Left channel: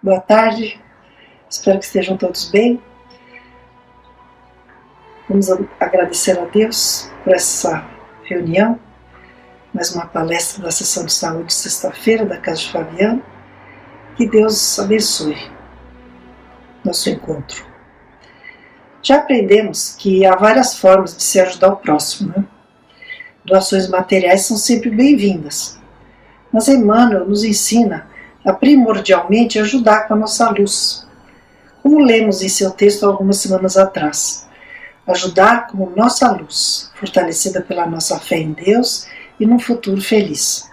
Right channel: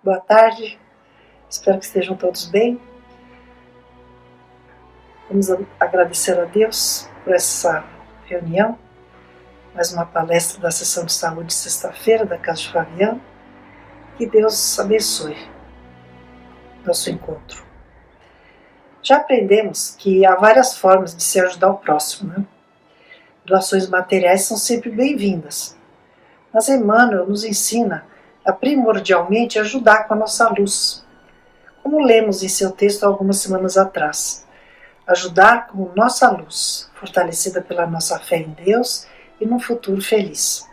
Boa tarde, espero que estejam todos bem. Vamos agradecer a Deus por essa reunião, mais uma palestra da sessão de saúde sexta-feira da Casa de Fabiano. Que Deus abençoe nosso encontro. Já aprendemos que há várias formas de se ajudar o próximo, né? Doações materiais são sempre bem-vindas, mas Emmanuel nos ensina a primordialmente ajudar com a nossa luz, como lemos em seu texto algumas semanas atrás. Ajudar com nossa luz, fortalecida pela nossa fé em Deus e num futuro feliz.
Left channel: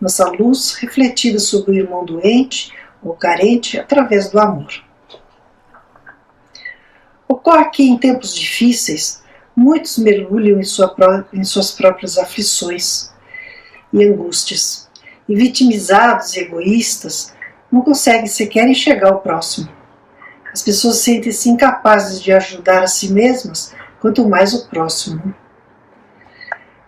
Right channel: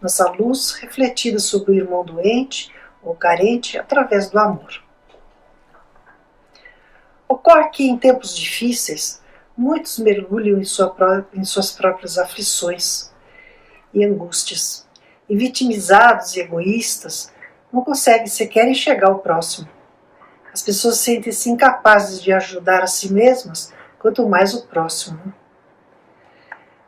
Nossa luz refletida sobre o irmão doente ou carente através do amor. Ocorre que em tempos difíceis, muitos mergulham em suas próprias aflições e angústias, e vitimizados e egoístas, não conseguem sequer enxergar o próximo. As pessoas sentem-se incapazes de ajudar a si mesmas, quanto mais o próximo.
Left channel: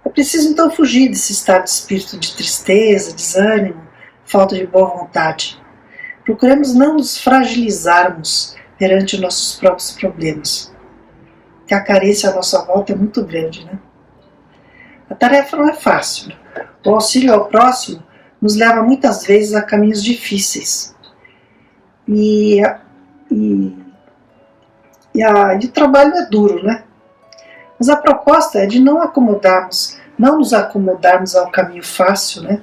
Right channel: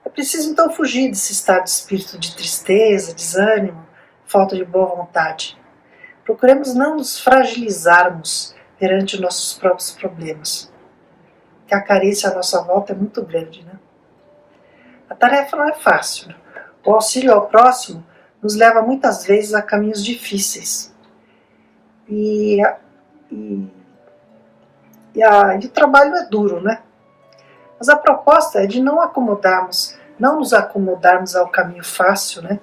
É preciso então fugir desse estado de espírito de tristeza, desânimo, falta de boa vontade. Procuremos não nos fragilizarmos perante nossos próprios problemas, que a carência à nossa volta é muito grande, né? A tarefa não é fácil. O auxílio ao próximo nos leva muitas vezes a caminhos difíceis. E o trabalho é duro, né? Mas a proposta é de não nos acomodarmos ao caminho fácil, né?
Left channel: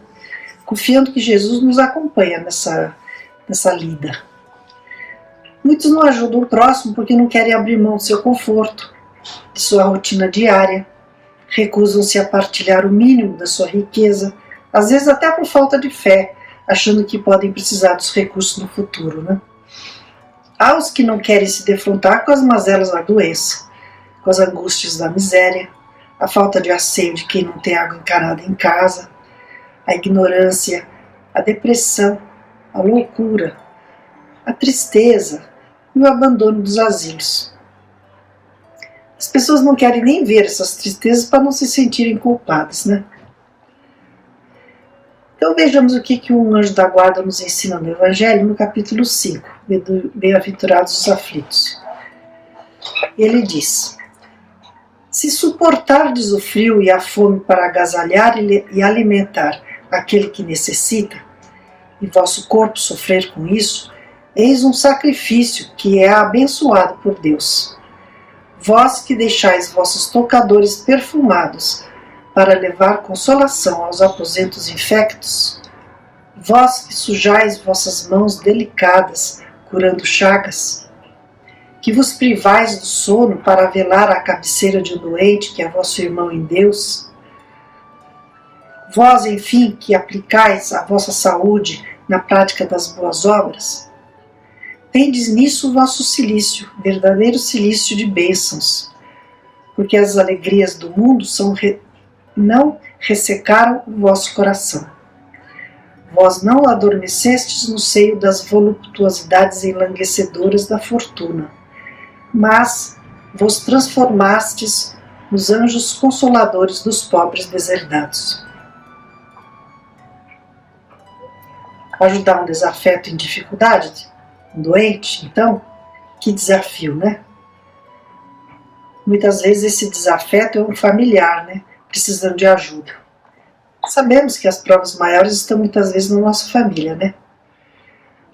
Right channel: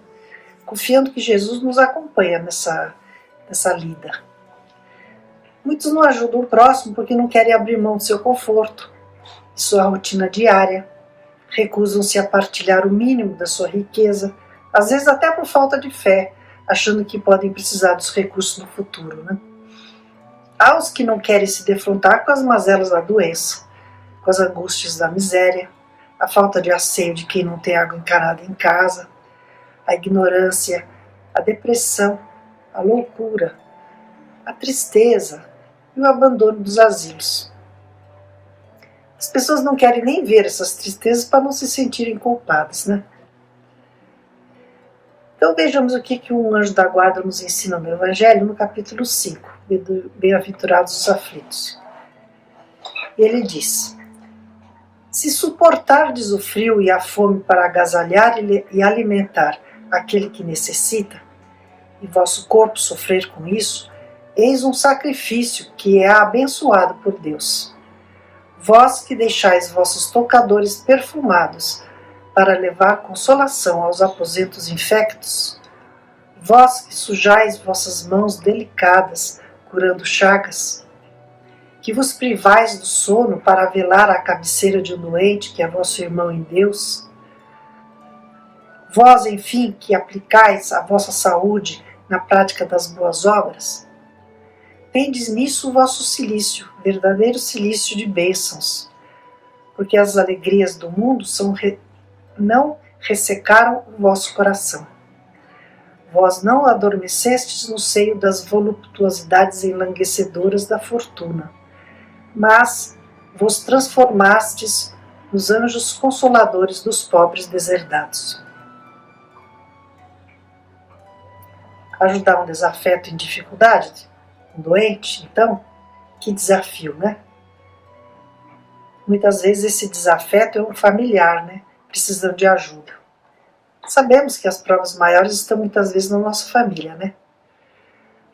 Confiando que Jesus nos acompanha nessa lida. Muitos não ajudam o próximo porque não querem abrir mão do seu conforto, de sua rotina diária, recusam-se a partilhar o mínimo da sua riqueza, às vezes até por falta de fé, achando que podem precisar dos recursos no futuro, né? Há os que não querem se defrontar com as mazelas da doença, com as angústias da miséria, a falta de asseio de quem não tem água encanada em casa, a ignorância, a depressão, a loucura, a tristeza e o abandono dos asilos. As pessoas não querem nem ver essas tristezas para não se sentirem culpadas, né? Então vejamos o que um anjo da guarda nos ensina no Evangelho, no capítulo 5, Bem-aventurados os aflitos. Ele diz: se suportardes o frio e a fome para agasalhar e alimentar aquele que necessita, e vosso corpo sofrer com isso, eis um sacrifício que é abençoado por Deus. Vós que deixais vossos tocadores perfumados para levar consolação aos aposentos infectos, vós que sujais vossas mãos delicadas curando chagas, que vos privais do sono para velar à cabeceira de um doente que é vosso irmão em Deus, vós, enfim, que aplicais a vossa saúde na prática das boas obras, tendes nisso o vosso cilício, verdadeiro cilício de bênçãos, porque as alegrias do mundo não ressecaram o vosso coração. Vós não adormecestes no seio das voluptuosidades enlanguecedoras da fortuna, mas vos transformastes nos anjos consoladores dos pobres deserdados. Ajudar um desafeto em dificuldade? Um doente, então, que desafio, né? Muitas vezes esse desafeto é um familiar, né? Precisando de ajuda. Sabemos que as provas maiores estão muitas vezes na nossa família, né?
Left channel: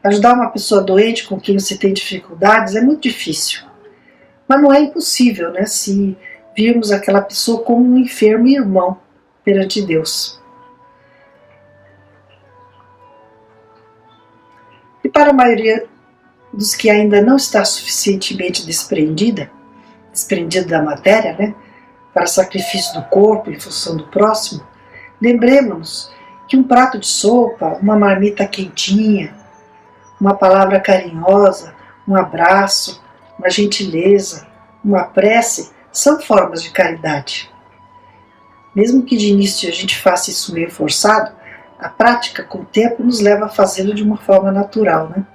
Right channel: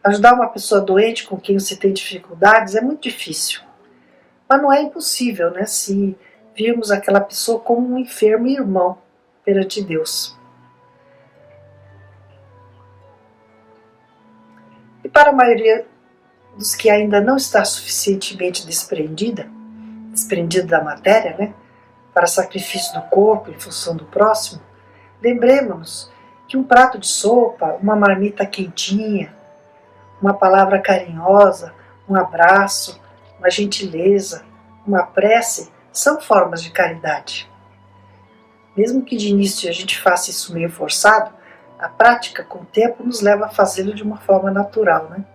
Ajudar uma pessoa doente com quem você tem dificuldades é muito difícil. Mas não é impossível, né? Se virmos aquela pessoa como um enfermo irmão perante Deus. E para a maioria dos que ainda não está suficientemente desprendido da matéria, né, para sacrifício do corpo em função do próximo, lembremos-nos que um prato de sopa, uma marmita quentinha, uma palavra carinhosa, um abraço, uma gentileza, uma prece, são formas de caridade. Mesmo que de início a gente faça isso meio forçado, a prática com o tempo nos leva a fazê-lo de uma forma natural, né?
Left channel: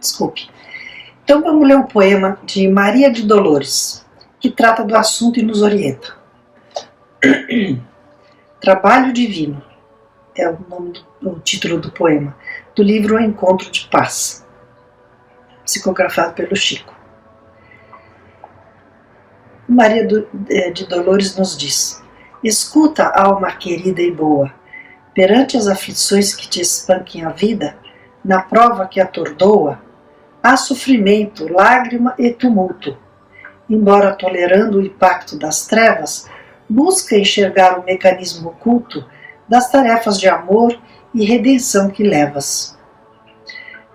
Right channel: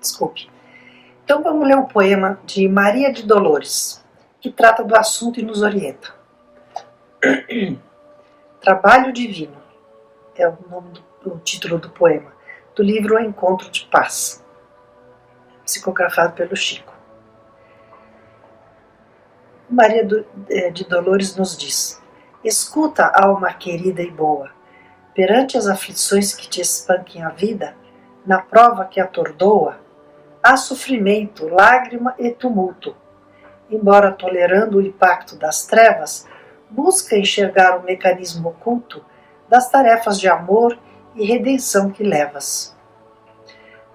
Desculpe. Então vamos ler um poema de Maria de Dolores, que trata do assunto e nos orienta. Trabalho Divino é o título do poema, do livro O Encontro de Paz, psicografado pelo Chico. Maria de Dolores nos diz: escuta, alma querida e boa, perante as aflições que te espanquem a vida, na prova que atordoa, há sofrimento, lágrima e tumulto. Embora tolerando o impacto das trevas, busca enxergar o mecanismo oculto das tarefas de amor e redenção que levas.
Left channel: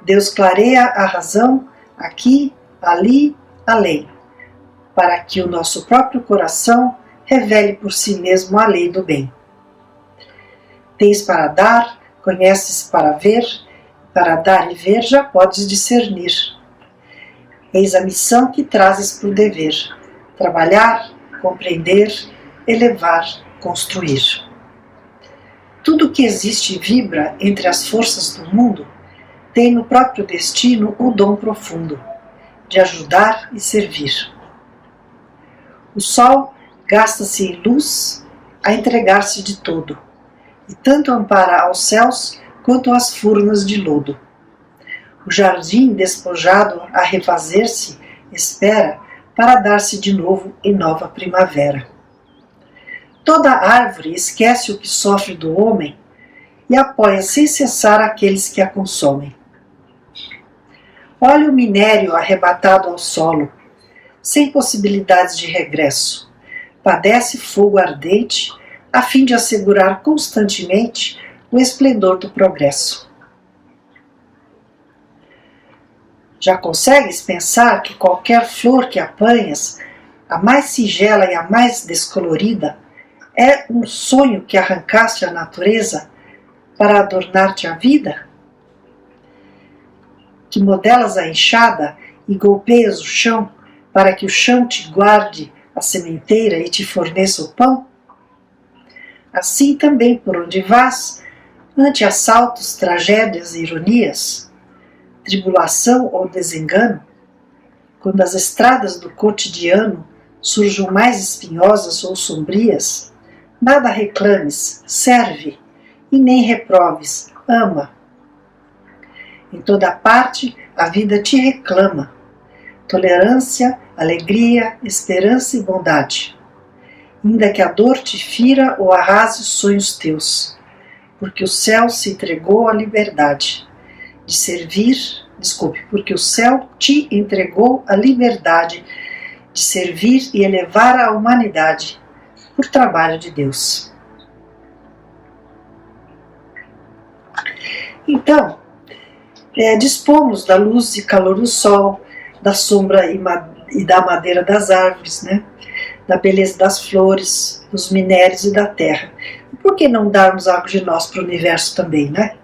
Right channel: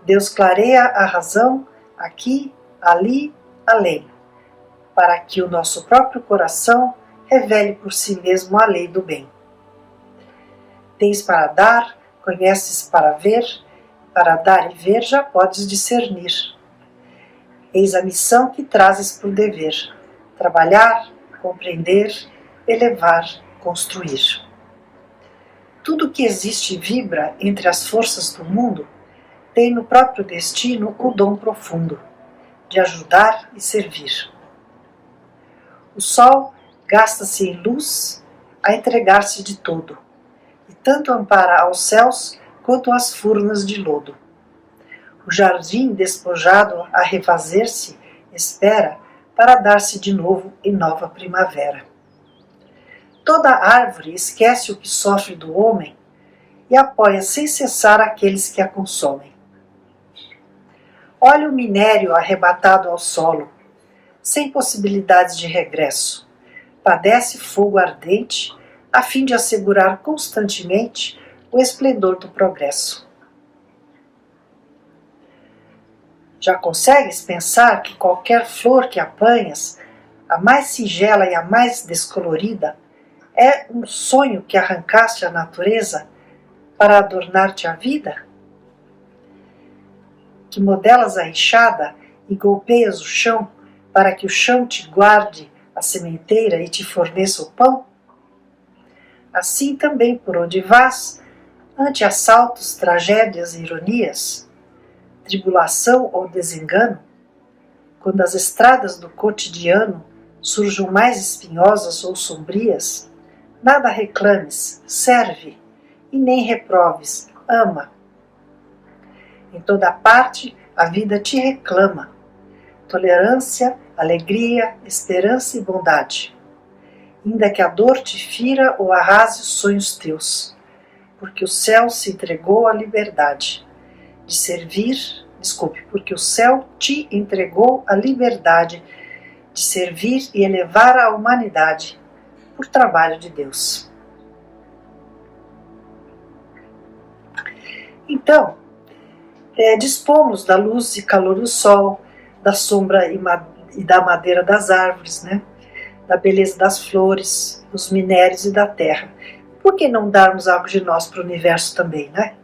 Deus clareia a razão aqui, ali, além, para que o nosso próprio coração revele por si mesmo a lei do bem. Tens para dar, conheces para ver, para dar e ver já podes discernir. Eis a missão que trazes por dever: trabalhar, compreender, elevar, construir. Tudo que existe e vibra entre as forças do mundo tem no próprio destino o dom profundo de ajudar e servir. O sol gasta-se em luz a entregar-se de todo, e tanto ampara aos céus quanto às furnas de lodo. O jardim despojado a refazer-se espera para dar-se de novo em nova primavera. Toda árvore esquece o que sofre do homem e apoia sem cessar aqueles que a consomem. Olha o minério arrebatado ao solo, sem possibilidades de regresso. Padece fogo ardente, a fim de assegurar constantemente o esplendor do progresso. Já consegues pensar que qualquer flor que apanhas, a mais singela e a mais descolorida, é um sonho que arrancaste à natureza para adornar-te a vida? Que modelas a enxada e golpeias o chão para que o chão te guarde a sementeira e te forneça o pão? Assim também por onde vás, ante assaltos, tragédias e ironias, tribulação ou desengano, quando as estradas do cotidiano surjam mais espinhosas ou sombrias, nada reclames, serve, e nem reproves, ama. Em toda parte a vida te reclama, tolerância, alegria, esperança e bondade. Ainda que a dor te fira ou arrase os sonhos teus, porque o céu se entregou à liberdade de servir, porque o céu te entregou a liberdade de servir e elevar a humanidade por trabalho de Deus. Então, dispomos da luz e calor do sol, da sombra e da madeira das árvores, né? Da beleza das flores, dos minérios e da terra. E por que não darmos algo de nós para o universo também, né?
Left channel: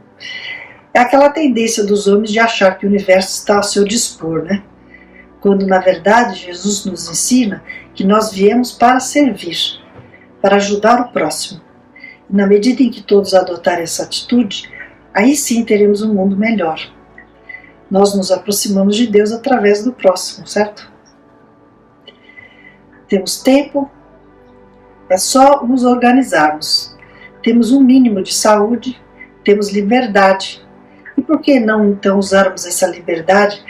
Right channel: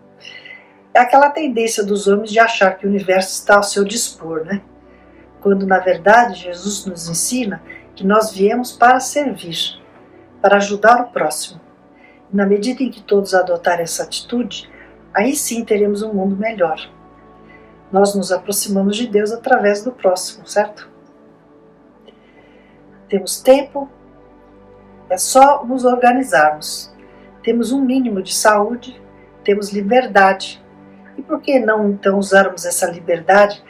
É aquela tendência dos homens de achar que o universo está ao seu dispor, né? Quando, na verdade, Jesus nos ensina que nós viemos para servir, para ajudar o próximo. E na medida em que todos adotarem essa atitude, aí sim teremos um mundo melhor. Nós nos aproximamos de Deus através do próximo, certo? Temos tempo, é só nos organizarmos. Temos um mínimo de saúde, temos liberdade. E por que não então usarmos essa liberdade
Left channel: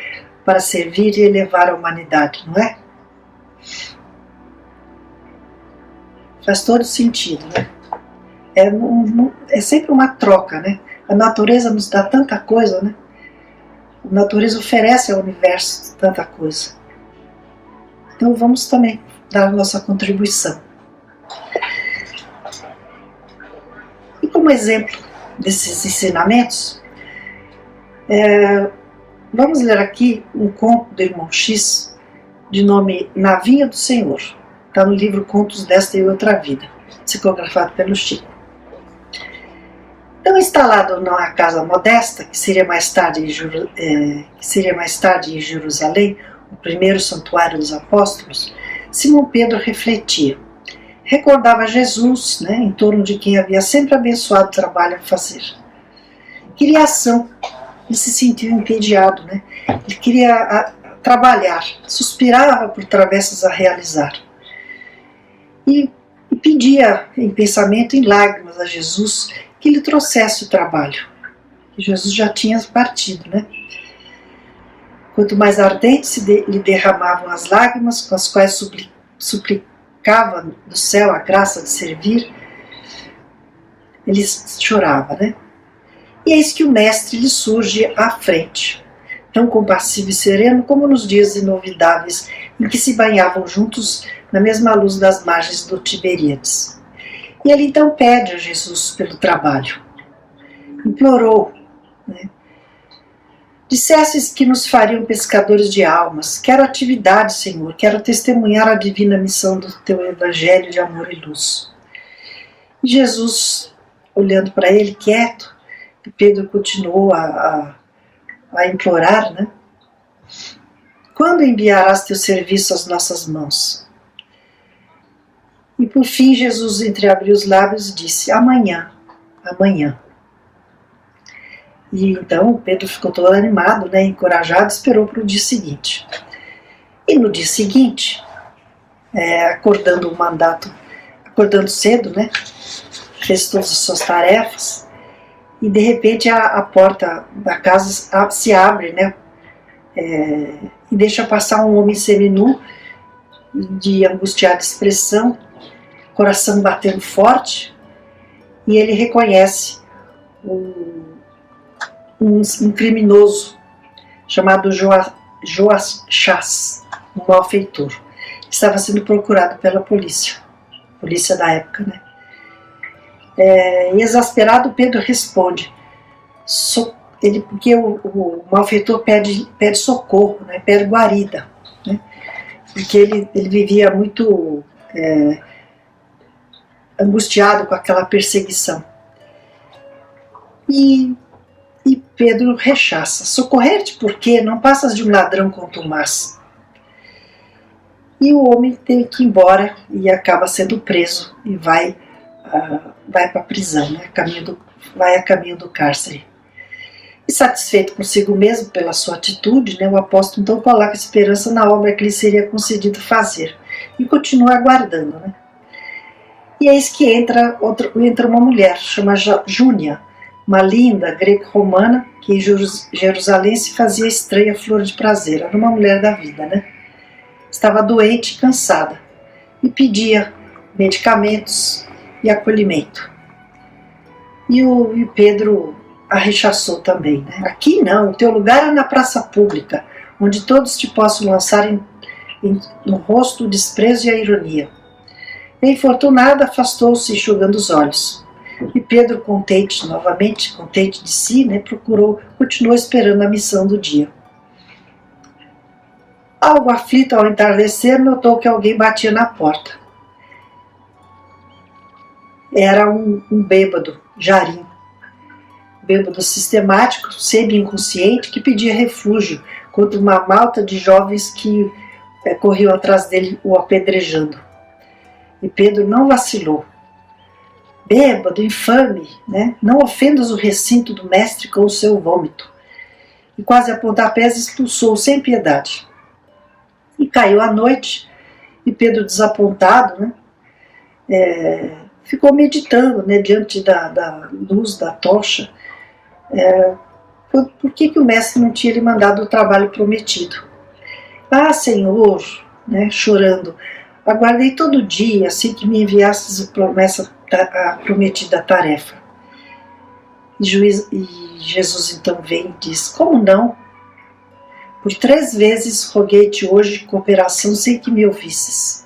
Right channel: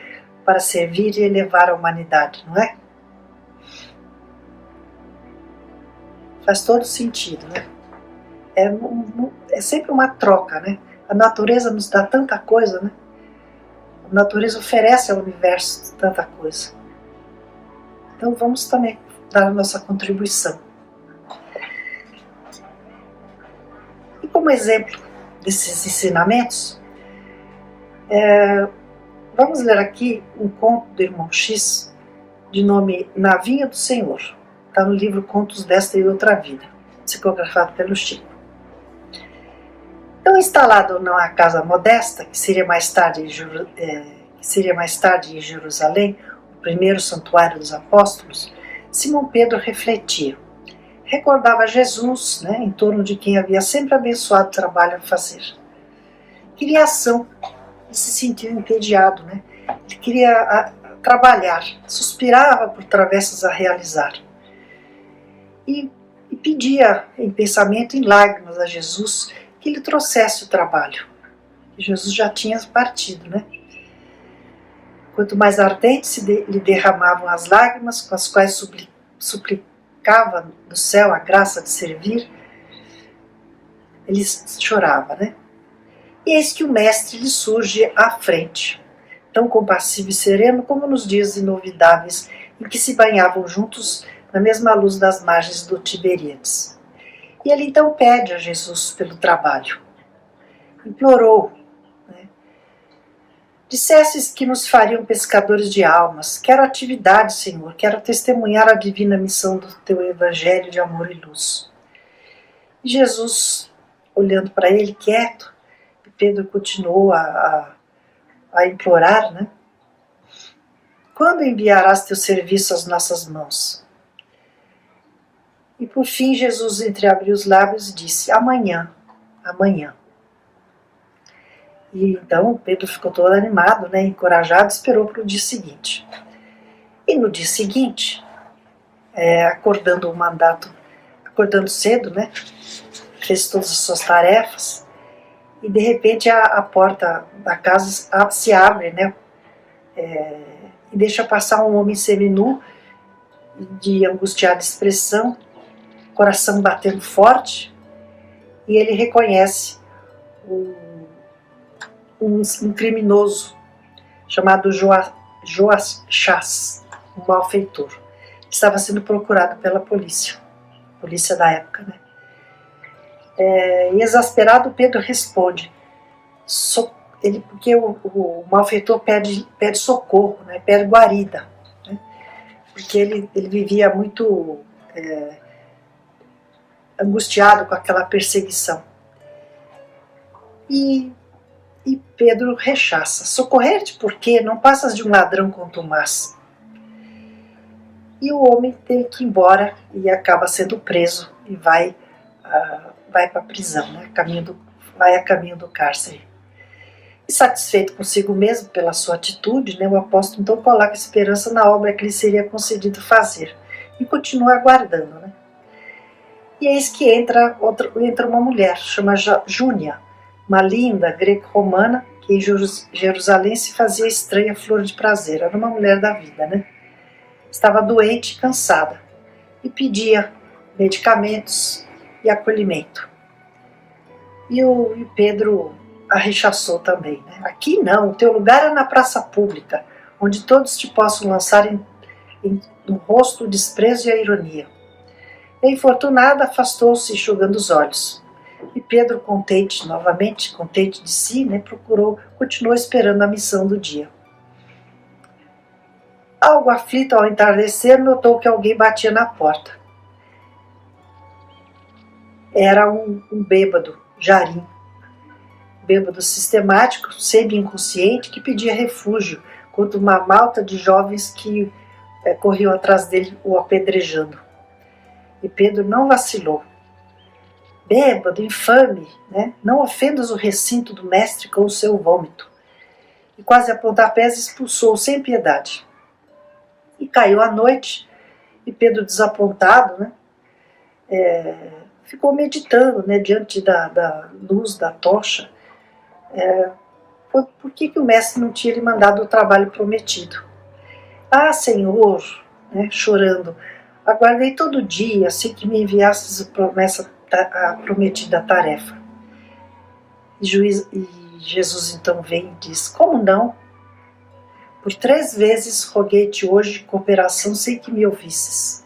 para servir e elevar a humanidade, não é? Faz todo sentido, né? É sempre uma troca, né? A natureza nos dá tanta coisa, né? A natureza oferece ao universo tanta coisa. Então vamos também dar a nossa contribuição. E como exemplo desses ensinamentos, vamos ler aqui um conto do irmão X, de nome Na Vinha do Senhor. Está no livro Contos desta e Outra Vida, psicografado pelo Chico. Então, instalado numa casa modesta, que seria mais tarde em Jerusalém, o primeiro santuário dos apóstolos, Simão Pedro refletia. Recordava Jesus, né, em torno de quem havia sempre abençoado o trabalho a fazer. Queria ação, ele se sentiu entediado, né? Ele queria trabalhar, suspirava por travessas a realizar. E pedia em pensamento, em lágrimas, a Jesus que lhe trouxesse o trabalho. Jesus já tinha partido, né? Quanto mais ardentes lhe derramavam as lágrimas, com as quais suplicava do céu a graça de servir, ele chorava, né? E eis que o mestre lhe surge à frente, tão compassivo e sereno como nos dias inovidáveis em que se banhavam juntos na mesma luz das margens do Tiberíades. E ele então pede a Jesus pelo trabalho. Implorou, né? Dissesses que nos fariam pescadores de almas. Quero atividade, Senhor. Quero testemunhar a divina missão do teu evangelho de amor e luz. E Jesus, olhando para ele quieto, e Pedro continuou a implorar, né? Quando enviarás teu serviço às nossas mãos? E por fim Jesus entreabriu os lábios e disse: amanhã, amanhã. E então Pedro ficou todo animado, né, encorajado, esperou para o dia seguinte. E no dia seguinte, acordando cedo, né, fez todas as suas tarefas, e de repente a porta da casa se abre, né, e deixa passar um homem seminu, de angustiada expressão, coração batendo forte, e ele reconhece um criminoso chamado Joachás, um malfeitor, que estava sendo procurado pela polícia da época, né? E exasperado, Pedro responde, porque o malfeitor pede socorro, né? Pede guarida, né? Porque ele vivia muito angustiado com aquela perseguição. E Pedro rechaça. Socorrer-te por quê? Não passas de um ladrão contumaz. E o homem tem que ir embora e acaba sendo preso e vai para a prisão, né? Vai a caminho do cárcere. E satisfeito consigo mesmo pela sua atitude, né, o apóstolo então coloca esperança na obra que lhe seria concedido fazer e continua aguardando, né? E eis que entra uma mulher, chama Júnia, uma linda greco-romana que em Jerusalém se fazia estranha flor de prazer. Era uma mulher da vida, né? Estava doente e cansada e pedia medicamentos e acolhimento. E o Pedro a rechaçou também, né? Aqui não, o teu lugar é na praça pública, onde todos te possam lançar no rosto o desprezo e a ironia. A infortunada afastou-se enxugando os olhos. E Pedro, novamente contente de si, né, continuou esperando a missão do dia. Algo aflito ao entardecer, notou que alguém batia na porta. Era um bêbado, Jarim. Bêbado sistemático, semi-inconsciente, que pedia refúgio contra uma malta de jovens que corriam atrás dele o apedrejando. E Pedro não vacilou. Bêbado, infame, né? Não ofendas o recinto do mestre com o seu vômito. E quase a pontapés expulsou sem piedade. E caiu a noite, e Pedro, desapontado, né, ficou meditando, né, diante da luz da tocha, por que o mestre não tinha lhe mandado o trabalho prometido. Ah, Senhor, né, chorando, aguardei todo dia, assim que me enviastes a prometida tarefa. E Jesus então vem e diz, como não? Por 3 vezes roguei-te hoje cooperação sem que me ouvisses.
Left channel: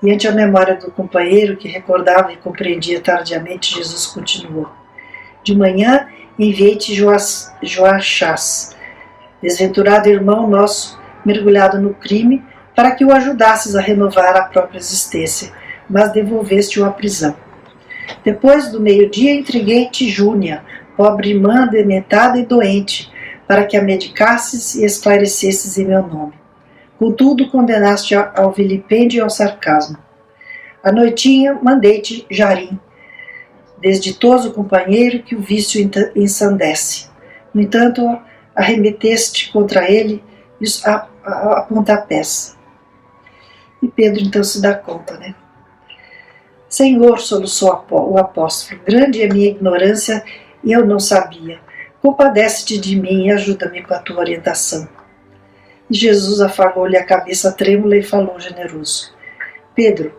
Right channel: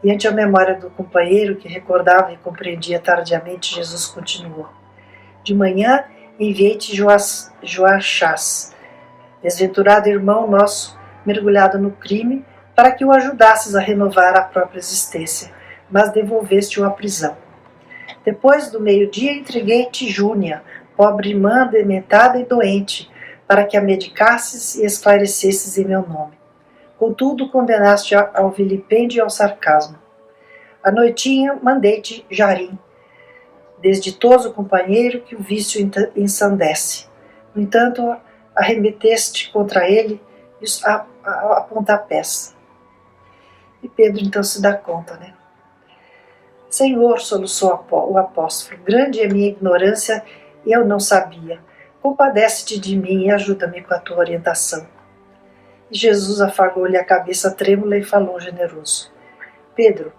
E ante a memória do companheiro que recordava e compreendia tardiamente, Jesus continuou. De manhã enviei-te Joachás, desventurado irmão nosso, mergulhado no crime, para que o ajudasses a renovar a própria existência, mas devolveste-o à prisão. Depois do meio-dia entreguei-te Júnia, pobre irmã dementada e doente, para que a medicasses e esclarecesses em meu nome. Contudo, condenaste ao vilipêndio e ao sarcasmo. À noitinha mandei-te Jarim, desditoso companheiro que o vício ensandece. No entanto, arremeteste contra ele a pontapés. E Pedro então se dá conta, né? Senhor, soluçou o apóstolo, grande é a minha ignorância e eu não sabia. Compadece-te de mim e ajuda-me com a tua orientação. E Jesus afagou-lhe a cabeça trêmula e falou generoso: Pedro,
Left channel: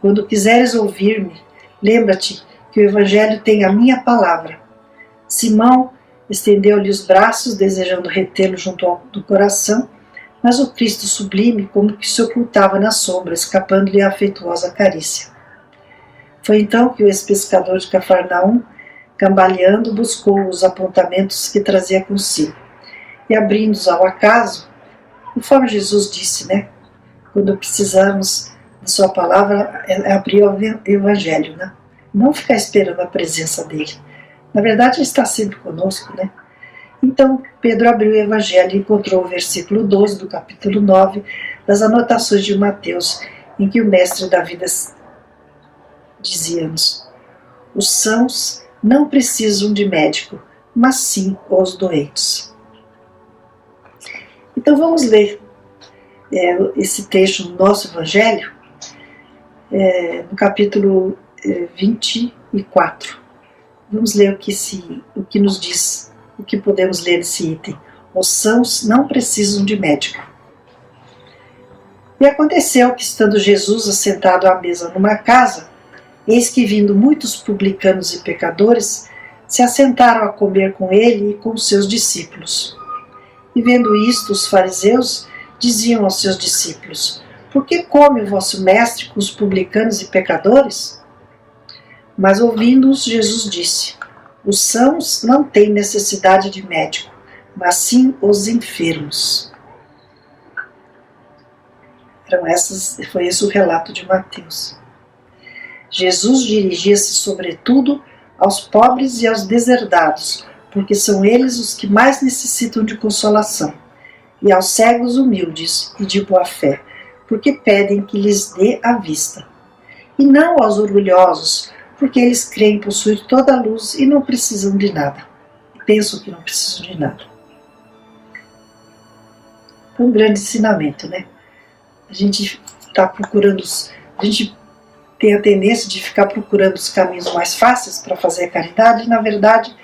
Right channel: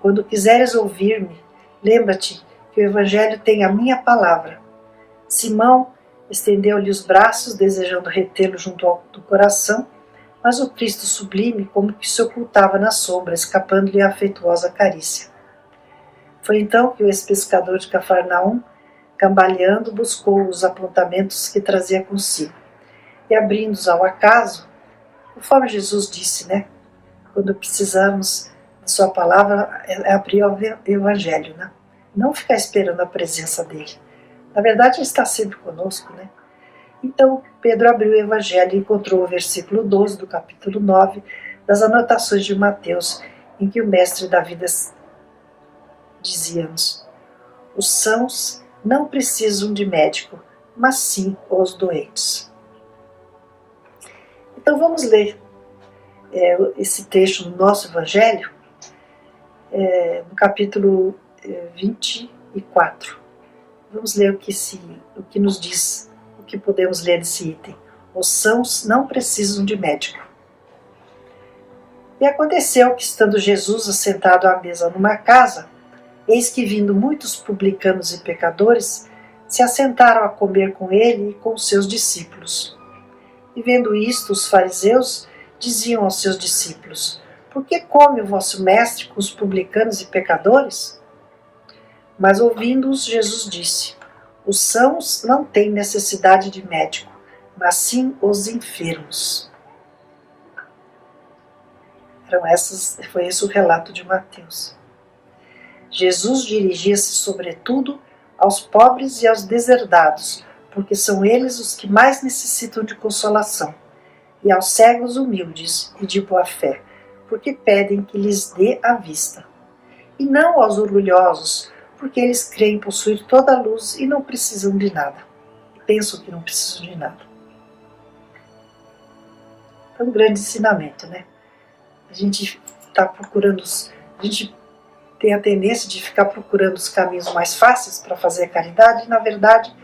quando quiseres ouvir-me, lembra-te que o Evangelho tem a minha palavra. Simão estendeu-lhe os braços, desejando retê-lo junto do coração, mas o Cristo sublime como que se ocultava na sombra, escapando-lhe a afetuosa carícia. Foi então que o ex-pescador de Cafarnaum, cambaleando, buscou os apontamentos que trazia consigo. E abrindo-os ao acaso, conforme Jesus disse, né? Quando precisamos da sua palavra, é abrir o Evangelho, né? Não ficar esperando a presença dele. Na verdade, ele está sempre conosco, né? Então, Pedro abriu o Evangelho e encontrou o versículo 12 do capítulo 9 das anotações de Mateus, em que o mestre da vida dizia-nos: os sãos não precisam de médico, mas sim os doentes. Então vamos ler esse trecho no nosso Evangelho, no capítulo 24. Vamos ler o que nos diz, o que podemos ler nesse item. Os sãos não precisam de médico. E aconteceu que, estando Jesus assentado à mesa numa casa, eis que, vindo muitos publicanos e pecadores, se assentaram a comer com ele e com os seus discípulos. E vendo isto, os fariseus diziam aos seus discípulos: por que come o vosso mestre com os publicanos e pecadores? Mas ouvindo-os, Jesus disse: os sãos não têm necessidade de médico, mas sim os enfermos. Foi esse o relato de Mateus. Jesus dirigia-se sobretudo aos pobres e aos deserdados, porque são eles os que mais necessitam de consolação, e aos cegos humildes e de boa fé, porque pedem que lhes dê a vista. E não aos orgulhosos, porque eles creem possuir toda a luz e não precisam de nada. Pensam que não precisam de nada. É um grande ensinamento, né? A gente está procurando, a gente tem a tendência de ficar procurando os caminhos mais fáceis para fazer a caridade, e na verdade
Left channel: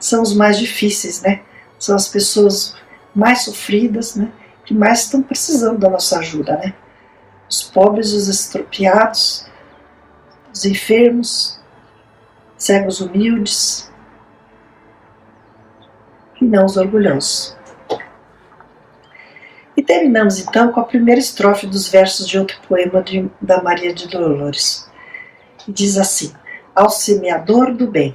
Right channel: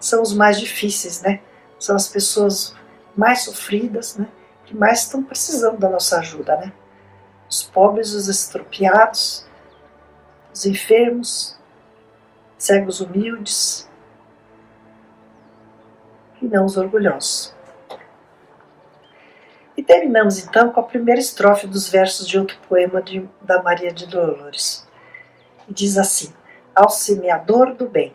são os mais difíceis, né? São as pessoas mais sofridas, né? Que mais estão precisando da nossa ajuda, né? Os pobres, os estropiados, os enfermos, cegos humildes, e não os orgulhosos. E terminamos então com a primeira estrofe dos versos de outro poema da Maria de Dolores. E diz assim: ao semeador do bem,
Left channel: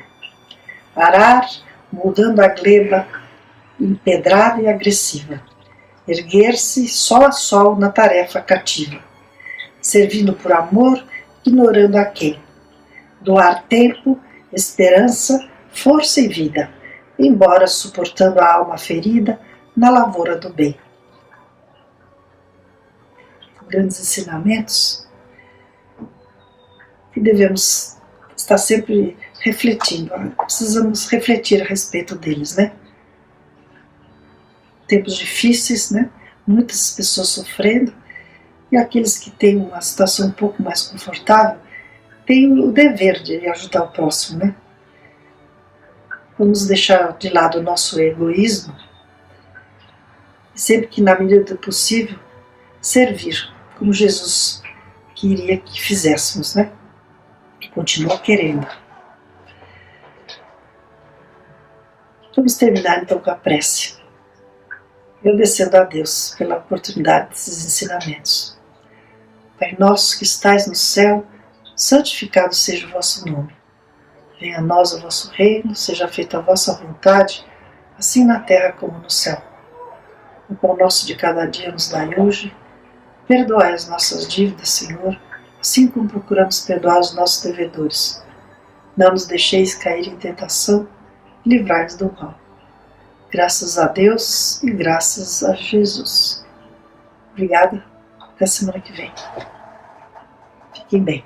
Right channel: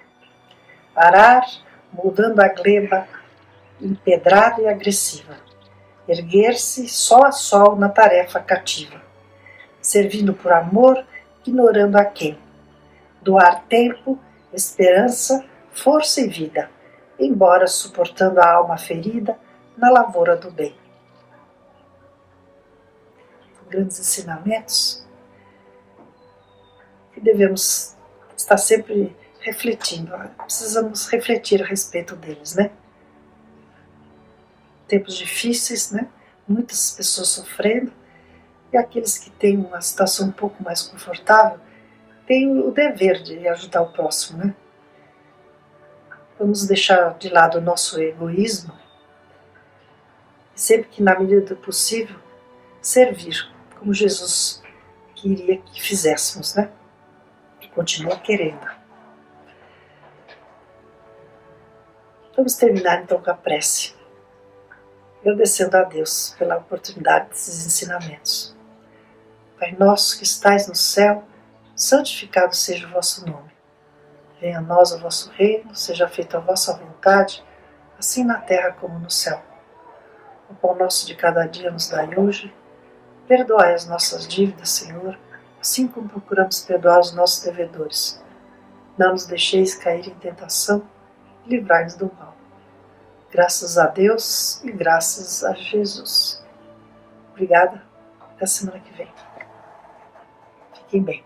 arar, mudando a gleba empedrada e agressiva, erguer-se sol a sol na tarefa cativa, servindo por amor, ignorando a quem, doar tempo, esperança, força e vida, embora suportando a alma ferida na lavoura do bem. Grandes ensinamentos que devemos estar sempre refletindo. Precisamos refletir a respeito deles, né? Tempos difíceis, né? Muitas pessoas sofrendo, e aqueles que têm uma situação um pouco mais confortável têm o dever de ajudar o próximo, né? Vamos deixar de lado o nosso egoísmo e sempre que, na medida do possível, servir, como Jesus queria que fizéssemos, né? E continua querendo. Vamos terminar então com a prece, agradecendo a Deus pela oportunidade desses ensinamentos. Pai nosso que estais no céu, santificado seja o vosso nome. Venha a nós o vosso reino, seja feita a vossa vontade, assim na terra como no céu. O pão nosso de cada dia nos dai hoje. Perdoai as nossas dívidas, Senhor, assim como procuramos perdoar os nossos devedores. Não nos deixeis cair em tentação, e livrai-nos do mal. Graças a Deus e graças a Jesus. Obrigada. Até semana que vem. Fiquem bem.